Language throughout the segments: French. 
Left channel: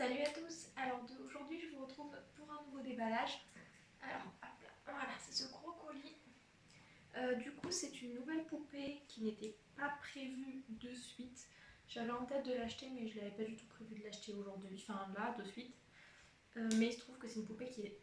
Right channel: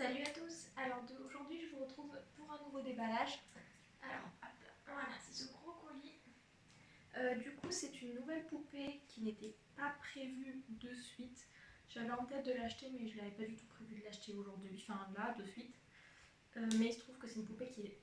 Salut à tous. Alors aujourd'hui je vous retrouve pour un nouveau déballage. Alors hop là, voilà, c'est ce gros colis. Du coup c'est une nouvelle poupée qui n'était pas prévue de suite. J'avais en tête de l'acheter mais je n'avais pas du tout prévu de l'acheter aujourd'hui, enfin là de suite. Mais il se trouve que c'est une poupée qui est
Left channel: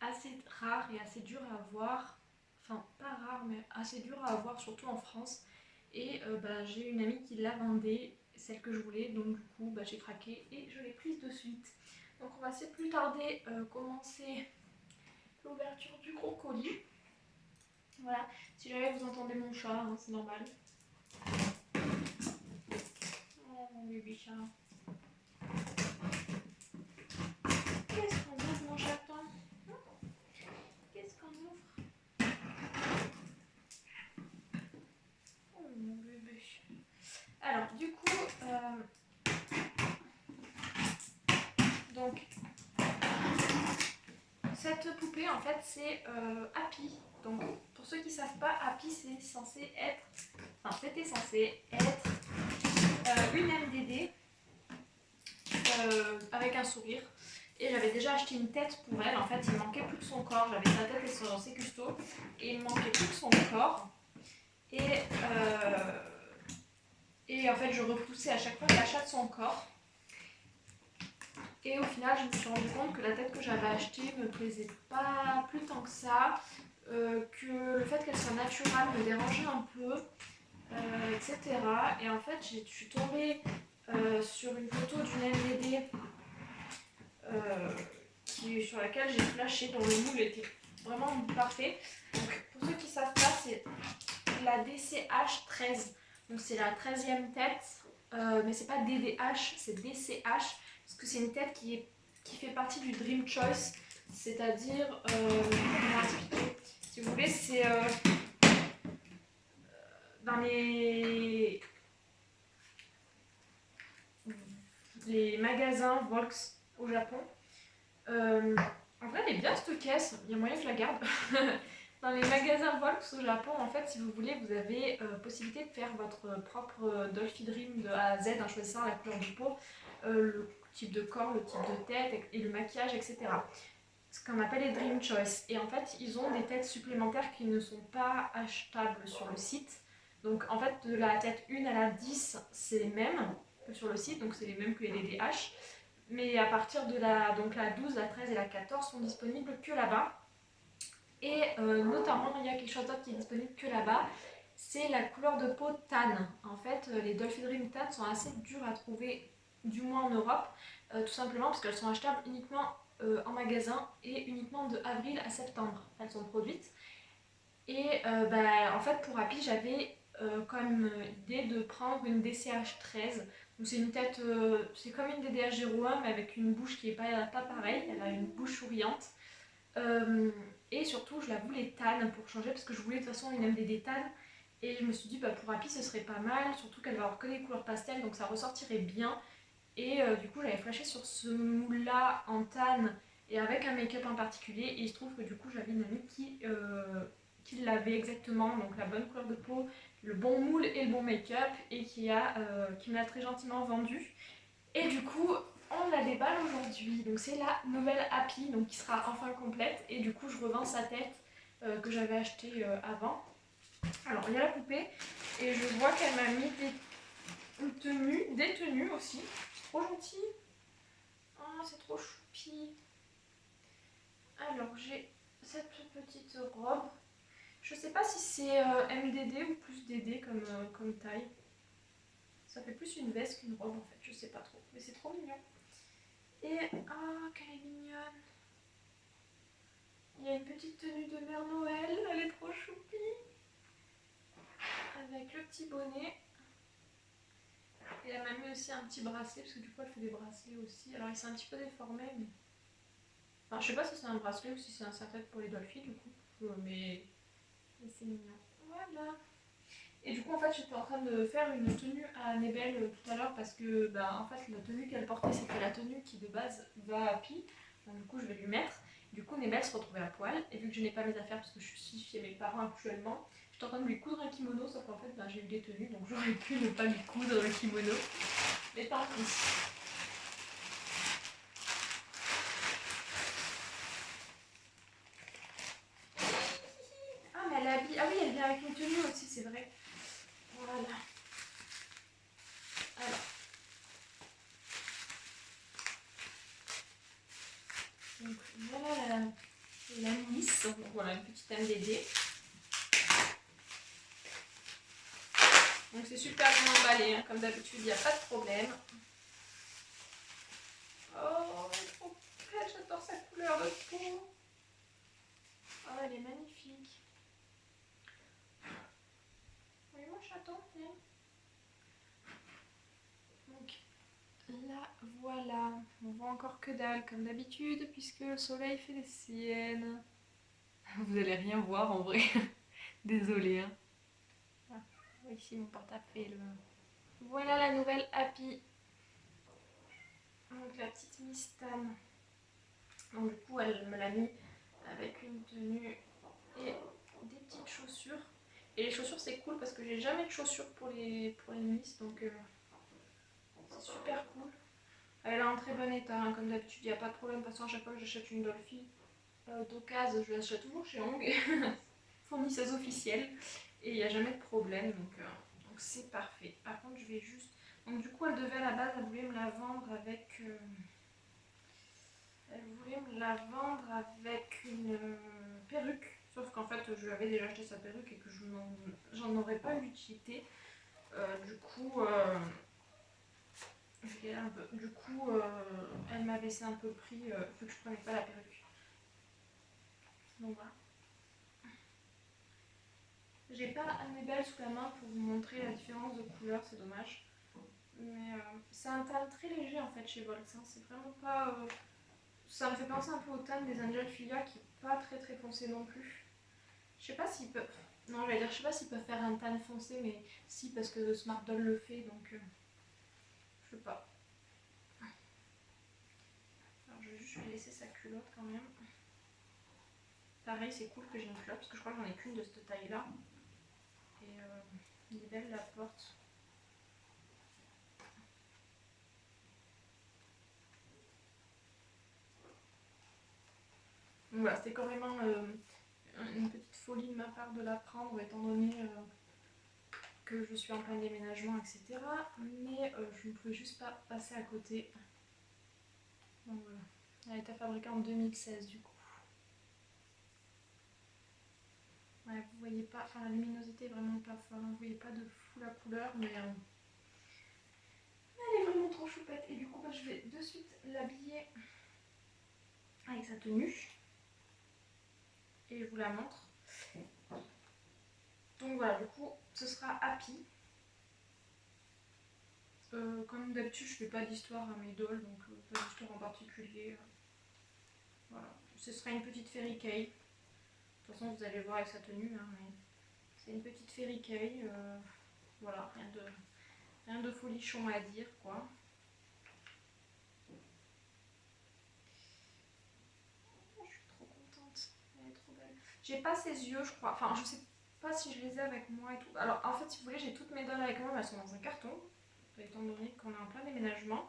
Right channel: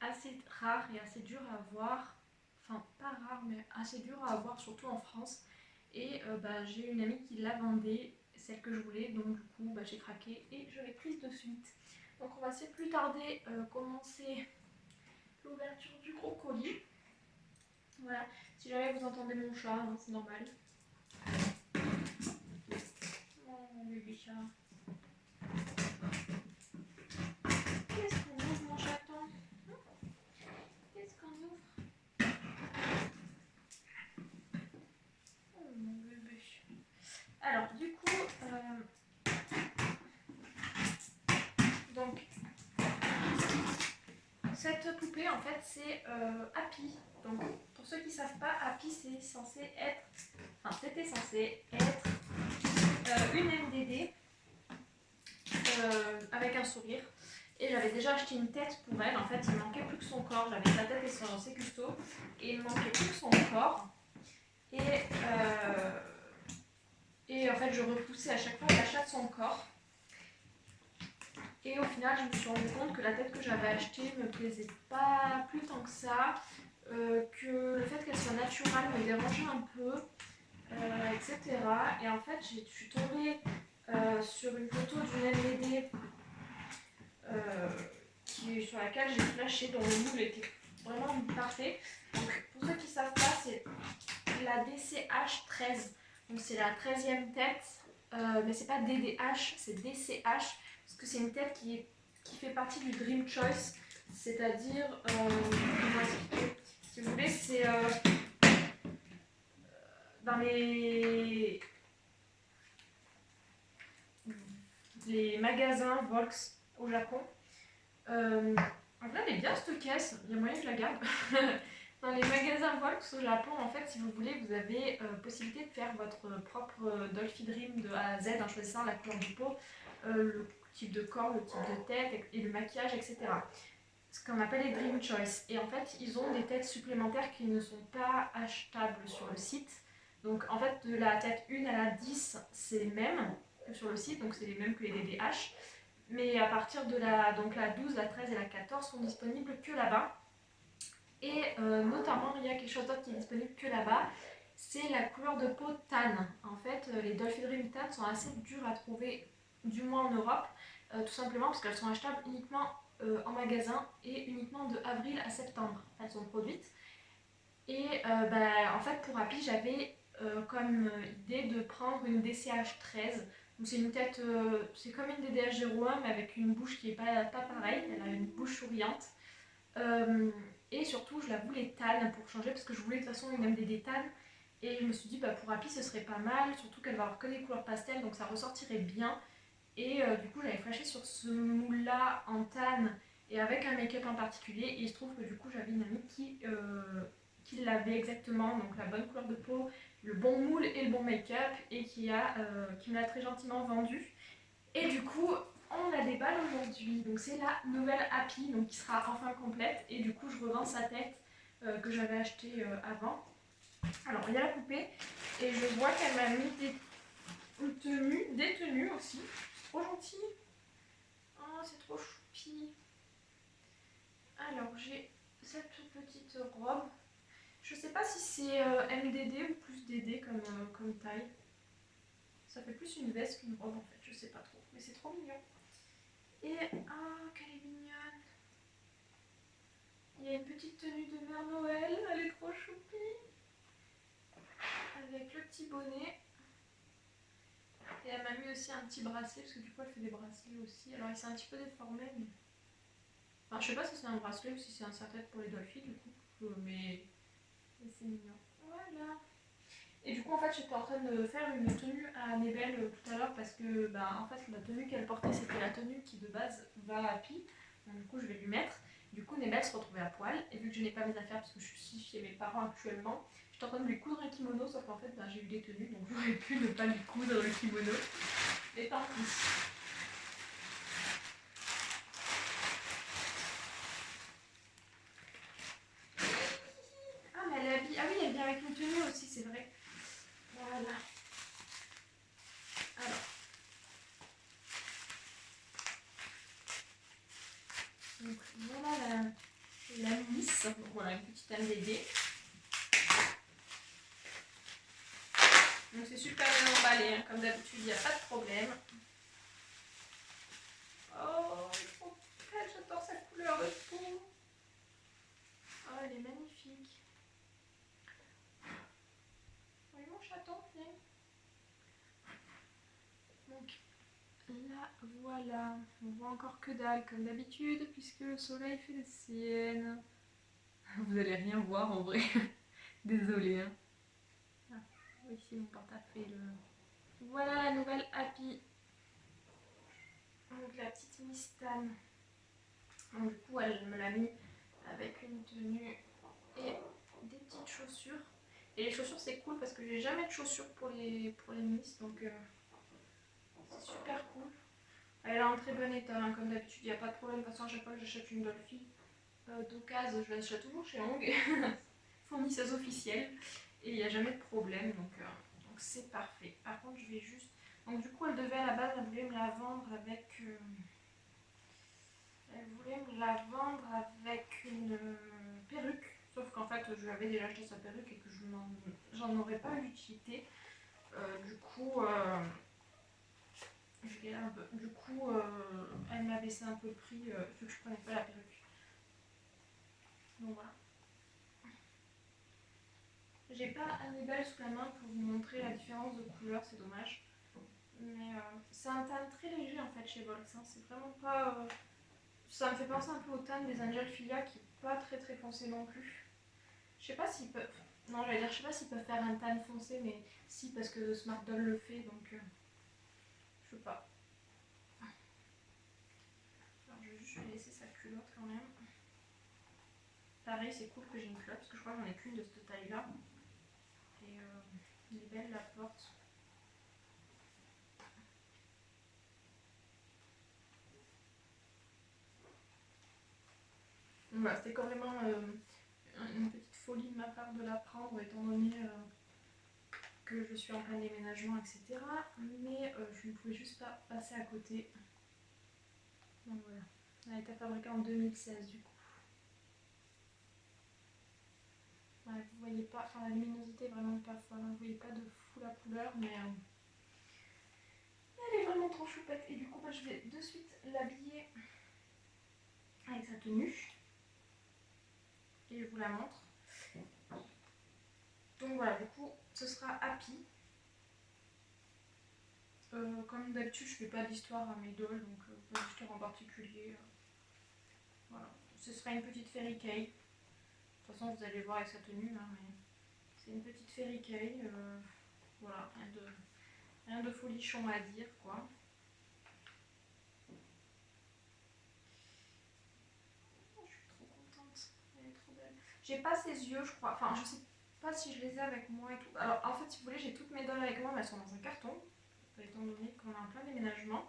assez rare et assez dure à avoir. Enfin pas rare mais assez dure à avoir surtout en France. Et j'ai une amie qui la vendait, celle que je voulais, donc du coup j'ai craqué et je l'ai prise de suite. Donc on va sans plus tarder commencer l'ouverture du gros colis. Voilà, si jamais vous entendez mon chat, hein, c'est normal. Oh mon bébé chat. Qu'est-ce qu'on ouvre mon chaton? Qu'est-ce qu'on ouvre? Oh mon bébé. Alors du coup, donc cette poupée en fait c'est Happy. Donc pour ceux qui ne savent pas, Happy c'était censé être une MDD avec un sourire. Et j'avais déjà acheté une tête pour elle. En fait il manquait plus que son corps. J'avais sa tête et ses custos et il manquait plus que son corps. Et en fait je repoussais à chaque fois l'achat de son corps. Et au final, je me suis rendu compte que la tête que j'avais achetée me plaisait pas plus tant que ça, que le fait qu'elle soit naturelle me dérangeait un peu, etc. Et en fait, je suis tombée sur une photo d'une MDD sur laquelle j'ai flashé, dont le moule était vraiment parfait. Donc, pour ceux qui ne savent pas, c'est la DCH13. Donc, c'est la 13e tête, mais c'est pas DDH, c'est DCH. Parce que c'est une tête qui fait partie du Dream Choice, c'est-à-dire, comment expliquer, si vous voulez, c'est dans les magasins Volks au Japon. En vrai, elle est bien cette caisse, il y a moyen que je la garde. Dans les magasins Volks au Japon, en fait, si vous voulez, vous avez possibilité de faire votre propre Dolphy Dream de A à Z en choisissant la couleur de peau, le type de corps, le type de tête et le maquillage, etc. Ce qu'on appelle les Dream Choice. Et en fait, ils ont des têtes supplémentaires qui ne sont pas achetables sur le site. Donc en fait, de la tête 1 à la 10, c'est les mêmes que sur le site, donc c'est les mêmes que les DDH. Mais à partir de la 12, la 13 et la 14 sont disponibles que là-bas. Et notamment, il y a quelque chose d'autre qui est disponible que là-bas, c'est la couleur de peau tan. En fait, les Dolphy Dream tan sont assez dures à trouver, du moins en Europe, tout simplement parce qu'elles sont achetables uniquement en magasin et uniquement de avril à septembre. Elles sont produites. Et en fait, pour Happy, j'avais comme idée de prendre une DCH13. Donc c'est une tête, c'est comme une DDH01 mais avec une bouche qui n'est pas pareille. Elle a une bouche souriante. Et surtout, je la voulais tan pour changer parce que je voulais de toute façon une MDD tan. Et je me suis dit, pour Happy, ce serait pas mal, surtout qu'elle va avoir que des couleurs pastel, donc ça ressortirait bien. Et du coup, j'avais flashé sur ce moule-là en tan et avec un make-up en particulier. Et il se trouve que du coup, j'avais une amie qui l'avait exactement, donc la bonne couleur de peau, le bon moule et le bon make-up, et qui me l'a très gentiment vendu. Et du coup, on la déballe aujourd'hui. Donc c'est la nouvelle Happy, donc qui sera enfin complète. Et du coup, je revends sa tête que j'avais achetée avant. Alors, il y a la poupée. Et je vois qu'elle m'a mis des tenues aussi. C'est trop gentil. Oh, c'est trop choupi. Alors, j'ai cette petite robe. Je sais pas si c'est MDD ou plus DD comme taille. Ça fait plus une veste qu'une robe en fait, je sais pas trop. Mais c'est trop mignon. Et oh, qu'elle est mignonne. Il y a une petite tenue de Mère Noël, elle est trop choupie. Avec le petit bonnet. Et elle m'a mis aussi un petit bracelet, parce que du coup elle fait des bracelets aussi. Alors il s'est un petit peu déformé, mais... Enfin, je sais pas si c'est un bracelet ou si c'est un serre-tête pour les Dolphy du coup. Mais c'est mignon. Voilà. Et du coup en fait j'étais en train de faire une tenue à Nebel tout à l'heure parce que en fait la tenue qu'elle portait c'était la tenue qui de base va à Happy. Donc du coup je vais lui mettre. Du coup Nebel se retrouvait à poil et vu que je n'ai pas mes affaires parce que je suis chez mes parents actuellement, j'étais en train de lui coudre un kimono sauf qu'en fait j'ai eu des tenues donc j'aurais pu ne pas lui coudre le kimono. Mais tant pis. habit. Ah oui, elle vient avec une tenue aussi, c'est vrai. Voilà. Alors. Donc voilà la Miss. Donc voilà, une petite MDD. Donc c'est super bien emballé, hein. Comme d'habitude, il n'y a pas de problème. Oh, elle est trop belle, j'adore sa couleur de peau. Oh, elle est magnifique. Oui, mon chaton, viens. Donc là, voilà. On voit encore que dalle, comme d'habitude, puisque le soleil fait des siennes. Vous allez rien voir en vrai. Désolée. Hein. Ah, ici, mon portable fait le... Voilà la nouvelle Happy. Donc la petite Miss Tam. Donc du coup, elle me l'a mis avec une tenue et des petites chaussures. Et les chaussures, c'est cool parce que j'ai jamais de chaussures pour les Miss, donc c'est super cool. Elle est en très bon état, hein, comme d'habitude, il n'y a pas de problème. De toute façon, à chaque fois que j'achète une Dolphy d'occasion, je l'achète toujours chez Hong, fournisseuse officielle, et il n'y a jamais de problème, donc c'est parfait. Par contre, je vais juste... Donc du coup, elle devait à la base, elle voulait me la vendre avec... Elle voulait me la vendre avec une perruque, sauf qu'en fait je lui avais déjà acheté sa perruque et que j'en aurais pas eu l'utilité. Du coup, elle m'a baissé un peu le prix vu que je prenais pas la perruque. Donc voilà. J'ai pas Annabelle sous la main pour vous montrer la différence de couleur, c'est dommage. Mais c'est un teint très léger en fait chez Volks. Hein. C'est vraiment pas. Ça me fait penser un peu au teint des Angel Filia qui est pas très très foncé non plus. Je sais pas s'ils peuvent. Non, j'allais dire, je sais pas s'ils peuvent faire un tan foncé, mais si, parce que Smart Doll le fait, donc je sais pas. Alors, je vais juste lui laisser sa culotte quand même. Pareil, c'est cool que j'ai une culotte, parce que je crois que j'en ai qu'une de cette taille-là. Et il est belle la porte. Donc voilà, c'était carrément une petite folie de ma part de la prendre, étant donné que je suis en plein déménagement, etc. Mais je ne pouvais juste pas passer à côté. Donc voilà. Elle a été fabriquée en 2016 du coup. Ouais, vous voyez pas, enfin la luminosité est vraiment pas folle, hein. Vous voyez pas de fou la couleur, mais elle est vraiment trop choupette. Et du coup, bah, je vais de suite l'habiller avec sa tenue. Et je vous la montre. Donc voilà, du coup, ce sera Happy. Comme d'habitude, je fais pas d'histoire à mes dolls, donc pas d'histoire en particulier. Voilà, ce sera une petite Fairy Kay. De toute façon, vous allez voir avec sa tenue, hein, mais c'est une petite Fairy Kay. Voilà, rien de folichon à dire, quoi. Je suis trop contente, elle est trop belle. J'ai pas ses yeux, je crois. Enfin, je sais pas si je les ai avec moi et tout. Alors, en fait, si vous voulez, j'ai toutes mes dolls avec moi, mais elles sont dans un carton, étant donné qu'on est en plein déménagement.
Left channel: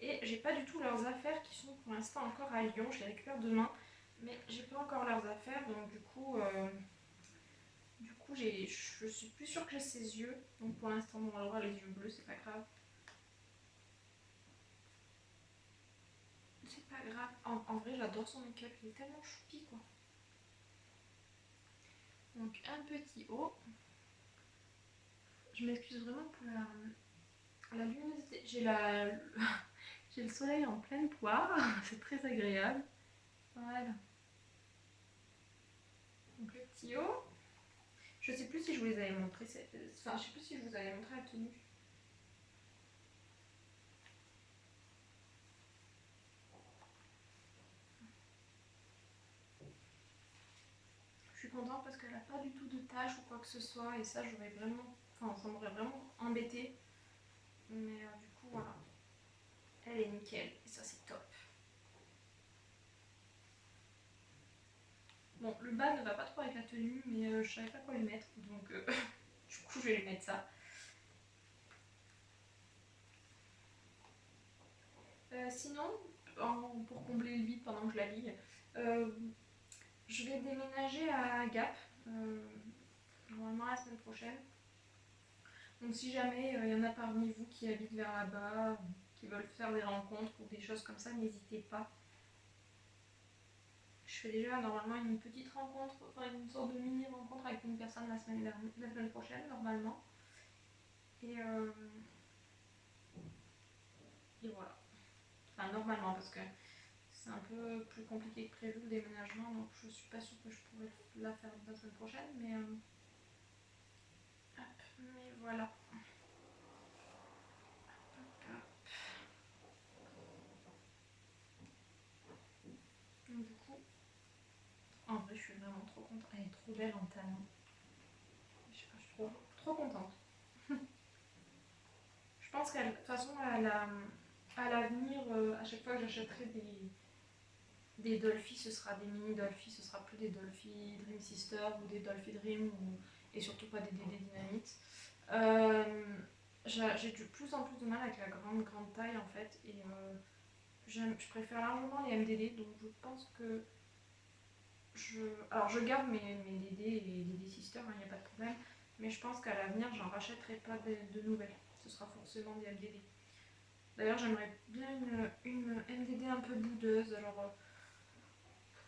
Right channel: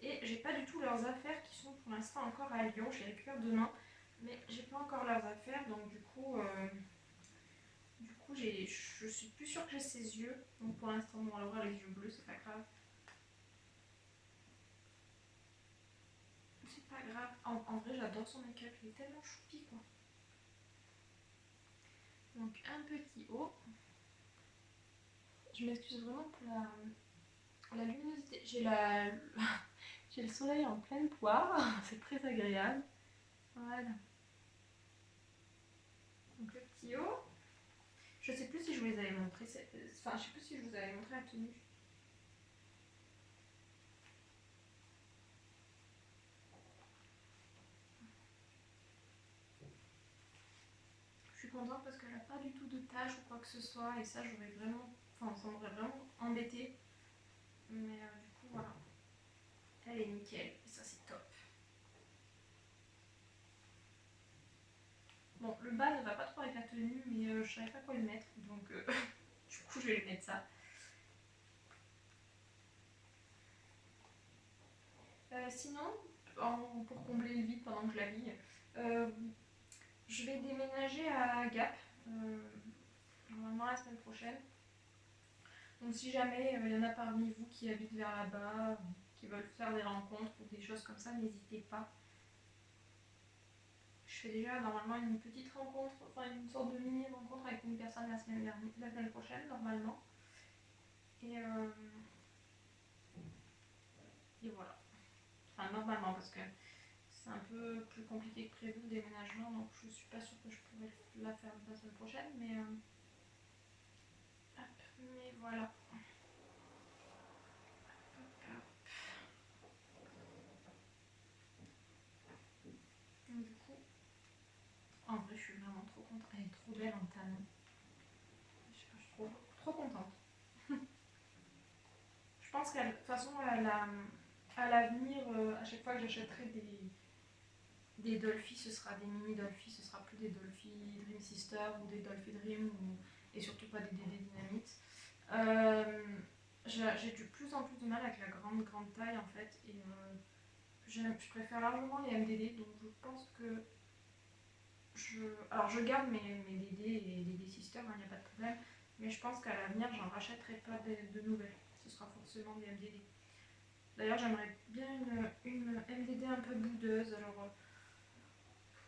Et j'ai pas du tout leurs affaires qui sont pour l'instant encore à Lyon. Je les récupère demain, mais j'ai pas encore leurs affaires, donc du coup, je suis plus sûre que j'ai ses yeux. Donc pour l'instant, on va avoir les yeux bleus, c'est pas grave. C'est pas grave. En vrai, j'adore son make-up, il est tellement choupi, quoi. Donc un petit haut. Je m'excuse vraiment pour la luminosité. J'ai le soleil en pleine poire, c'est très agréable. Voilà. Donc le petit haut. Je sais plus si je vous les avais montrés. Enfin, je sais plus si je vous avais montré la tenue. Je suis contente parce qu'elle n'a pas du tout de taches ou quoi que ce soit. Et ça, j'aurais vraiment. Enfin, ça m'aurait vraiment embêté. Mais du coup, voilà. Elle est nickel. Et ça, c'est top. Bon, le bas ne va pas trop avec la tenue, mais je savais pas quoi lui mettre. Donc, du coup, je vais lui mettre ça. Sinon, pour combler le vide pendant que je l'habille, je vais déménager à Gap normalement la semaine prochaine. Donc si jamais il y en a parmi vous qui habitent vers là-bas, qui veulent faire des rencontres ou des choses comme ça, n'hésitez pas. Je fais déjà normalement une petite rencontre, enfin une sorte de mini rencontre avec une personne la semaine prochaine normalement. Et voilà. Enfin normalement parce que c'est un peu plus compliqué que prévu le déménagement, donc je suis pas sûre que je pourrais la faire la semaine prochaine, mais voilà. Donc, du coup, en vrai, je suis vraiment trop contente. Elle est trop belle en talons. Je trouve trop contente. Je pense qu'à de toute façon, à l'avenir, à chaque fois que j'achèterai des Dolphy, ce sera des mini Dolphy, ce sera plus des Dolphy Dream Sister ou des Dolphy Dream et surtout pas des DD Dynamite. J'ai de plus en plus de mal avec la grande taille en fait et je préfère largement les MDD, donc je pense que alors je garde mes DD et les DD Sister, il n'y a pas de problème, mais je pense qu'à l'avenir j'en rachèterai pas de nouvelles, ce sera forcément des MDD. D'ailleurs j'aimerais bien une MDD un peu boudeuse, alors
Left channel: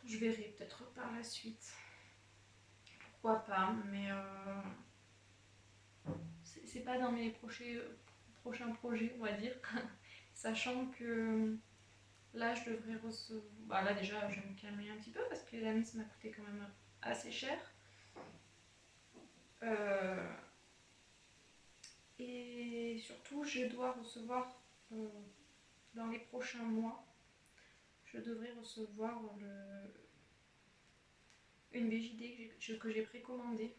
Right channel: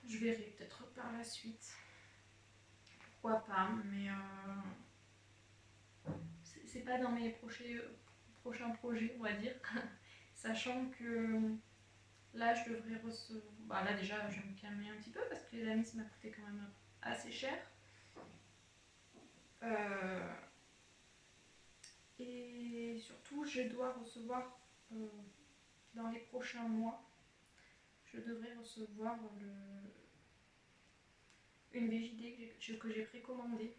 je verrai peut-être par la suite, pourquoi pas, mais c'est pas dans mes prochains projets, on va dire, sachant que là je devrais recevoir, bah là déjà je vais me calmer un petit peu parce que les amis ça m'a coûté quand même assez cher. Euh, et surtout, je dois recevoir euh, dans les prochains mois, je devrais recevoir une VJD que j'ai précommandée,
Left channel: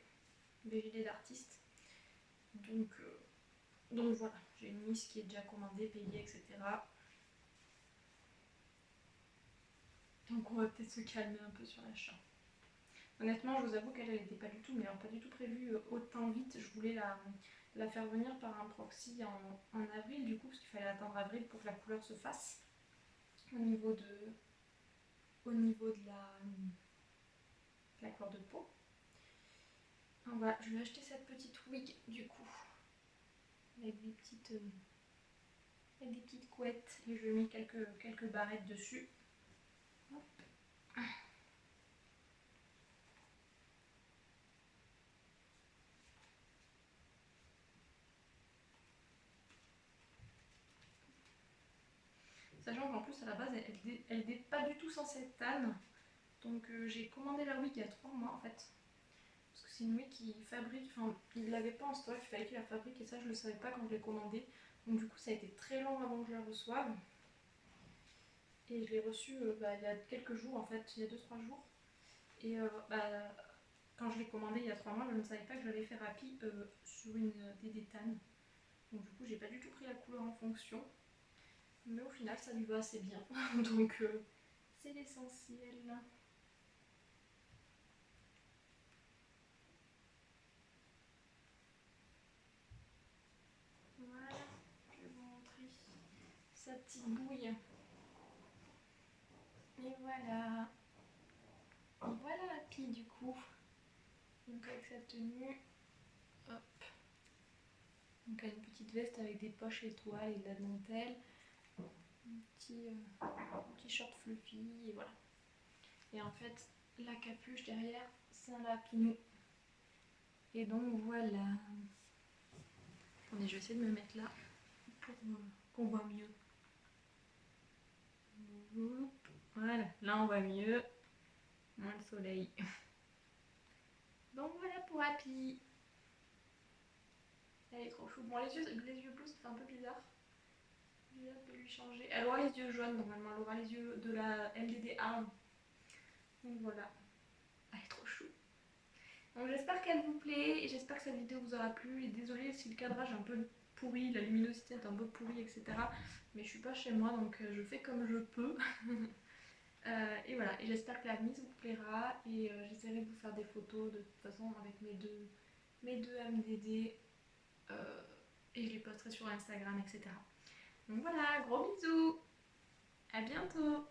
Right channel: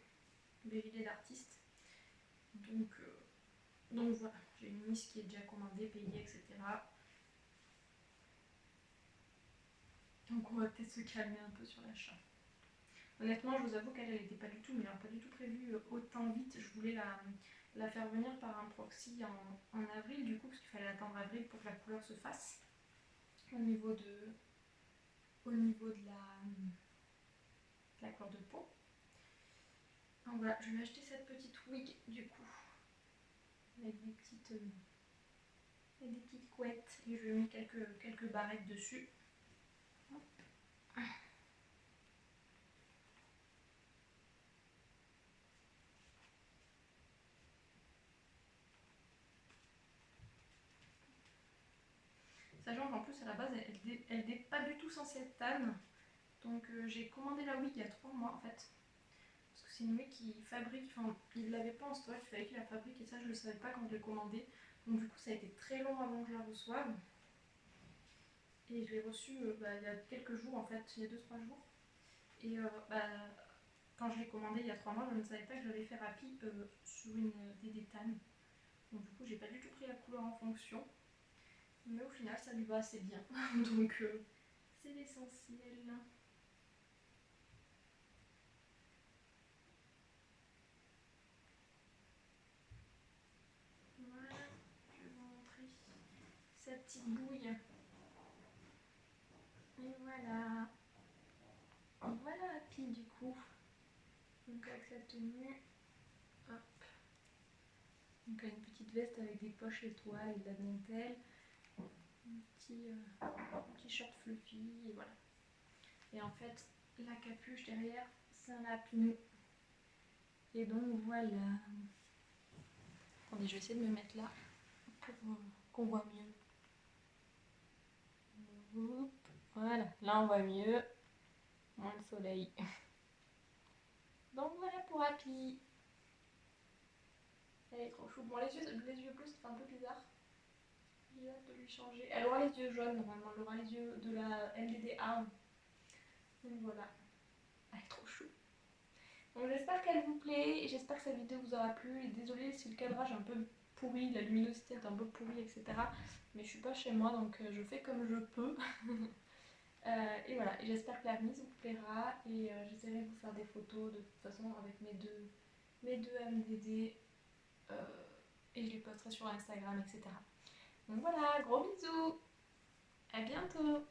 VJD d'artiste. Donc voilà, j'ai une liste qui est déjà commandée, payée, etc. Donc on va peut-être se calmer un peu sur l'achat. Honnêtement, je vous avoue qu'elle n'était pas du tout, mais pas du tout prévue autant vite. Je voulais la faire venir par un proxy en avril, du coup, parce qu'il fallait attendre avril pour que la couleur se fasse au niveau de la couleur de peau. Donc voilà, je lui ai acheté cette petite wig du coup, avec des petites couettes et je lui ai mis quelques barrettes dessus. Hop. Sachant qu'en plus à la base elle n'est pas du tout censée être tan. Donc j'ai commandé la wig il y a 3 mois en fait. Parce que c'est une wig qui fabrique, enfin il l'avait pas en stock, il fallait qu'il la fabrique et ça je le savais pas quand je l'ai commandé. Donc du coup ça a été très long avant que je la reçoive. Et je l'ai reçue il y a quelques jours en fait, il y a 2-3 jours. Et quand je l'ai commandé il y a 3 mois, je ne savais pas que j'allais faire Happy sur une DD tan. Donc du coup j'ai pas du tout pris la couleur en fonction. Mais au final ça lui va assez bien. Donc c'est l'essentiel. Voilà, je vais vous montrer sa petite bouille. Et voilà. Voilà Happy du coup. Donc avec sa tenue. Hop. Donc une petite veste avec des poches étoiles et de la dentelle. Un petit short fluffy et voilà. Et en fait, la capuche derrière, c'est un lapinou. Et donc voilà. Attendez, je vais essayer de me mettre là pour qu'on voit mieux. Voilà, là on voit mieux. Moins le soleil. Donc voilà pour Happy. Elle est trop chou. Bon, les yeux bleus, ça fait un peu bizarre. J'ai hâte de lui changer. Elle aura les yeux jaunes normalement. Elle aura les yeux de la LDD Arm. Donc voilà. Elle est trop chou. Donc j'espère qu'elle vous plaît et j'espère que cette vidéo vous aura plu. Et désolée si le cadrage est un peu pourri, la luminosité est un peu pourrie, etc. Mais je suis pas chez moi donc je fais comme je peux. Et voilà, et j'espère que la mise vous plaira et j'essaierai de vous faire des photos de toute façon avec mes deux MDD et je les posterai sur Instagram, etc. Donc voilà, gros bisous, à bientôt.